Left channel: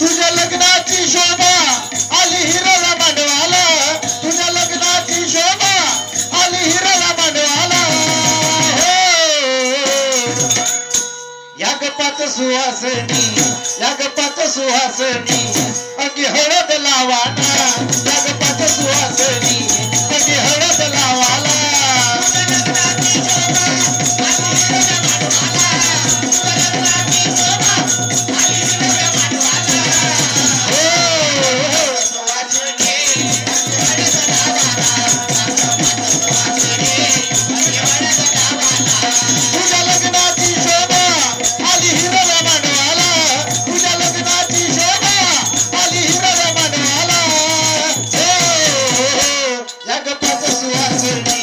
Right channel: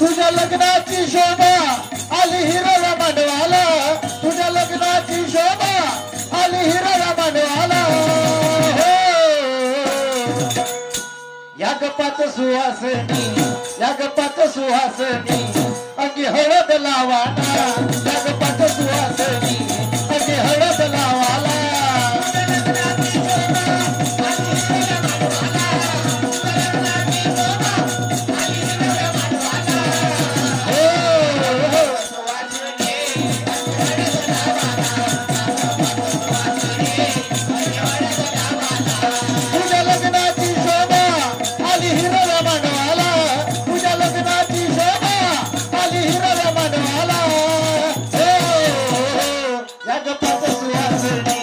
तुझ्या लग्नाची शोभा आली हिरव्या मांडवाला, तुझ्या लग्नाची शोभा आली हिरव्या मांडवाला. या गप्पात सुहासनी, या गप्पात सुहासनी अंगी हळद लावाना, या गप्पात सुहासनी अंगी हळद लावाला. तुझ्या लग्नाची शोभा आली हिरव्या मांडवाला, तुझ्या लग्नाची शोभा आली हिरव्या मांडवाला. या गप्पात सुहासनी,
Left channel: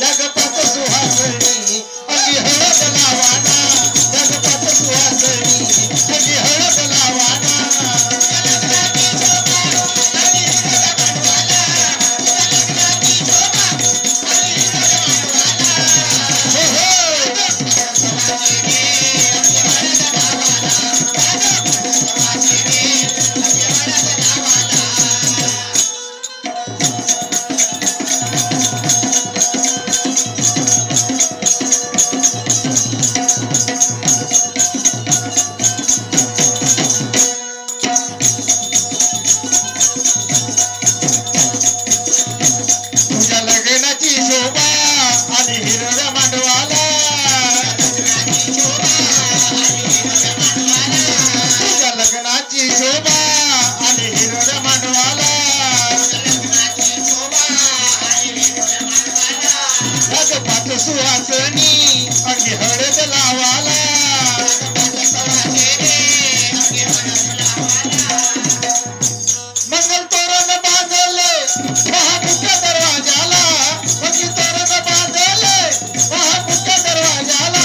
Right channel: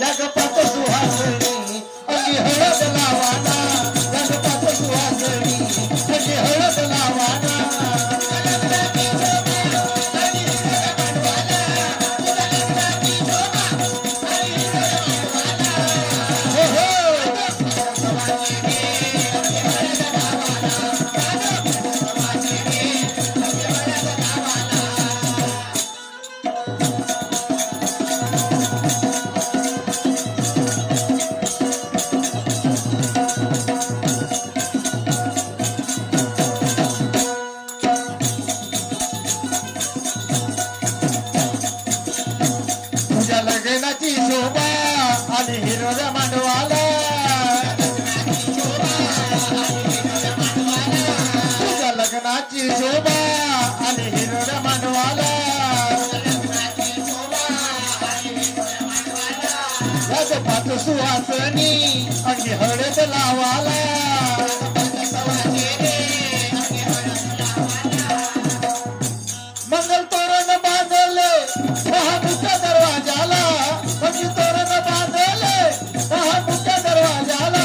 या गप्पात सुहासनी अंगी हळद लावाना, या गप्पात सुहासनी अंगी हळद लावाना. तुझ्या लग्नाची शोभा आली हिरव्या मांडवाला, तुझ्या लग्नाची शोभा आली हिरव्या मांडवाला. या गप्पात सुहासनी अंगी हळद लावाला. मंगल तोरण बांधले महामुख्य दरवाजाला, मंगल तोरण बांधले महामुख्य दरवाजाला.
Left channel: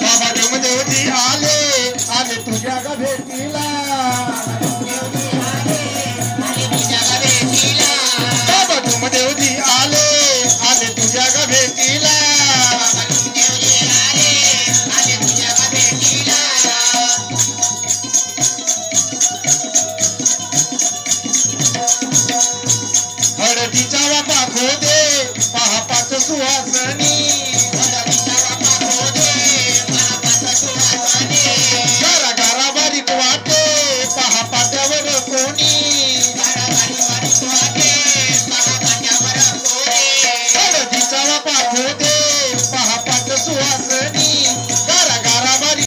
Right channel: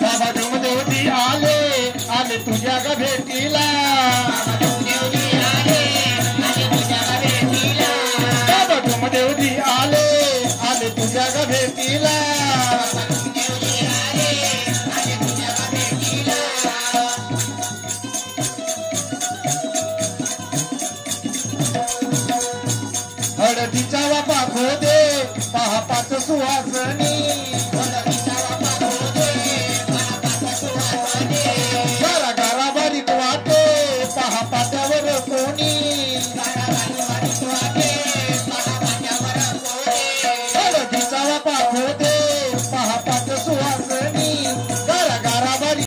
बाबा देवदेवती आले आले तुझ्या ग भेटीला, बाबा देवदेवती आले आले तुझ्या ग भेटीला. हळदीचा वापा खो दे पहा पाच सुहासनी, हळदीचा वापा खो दे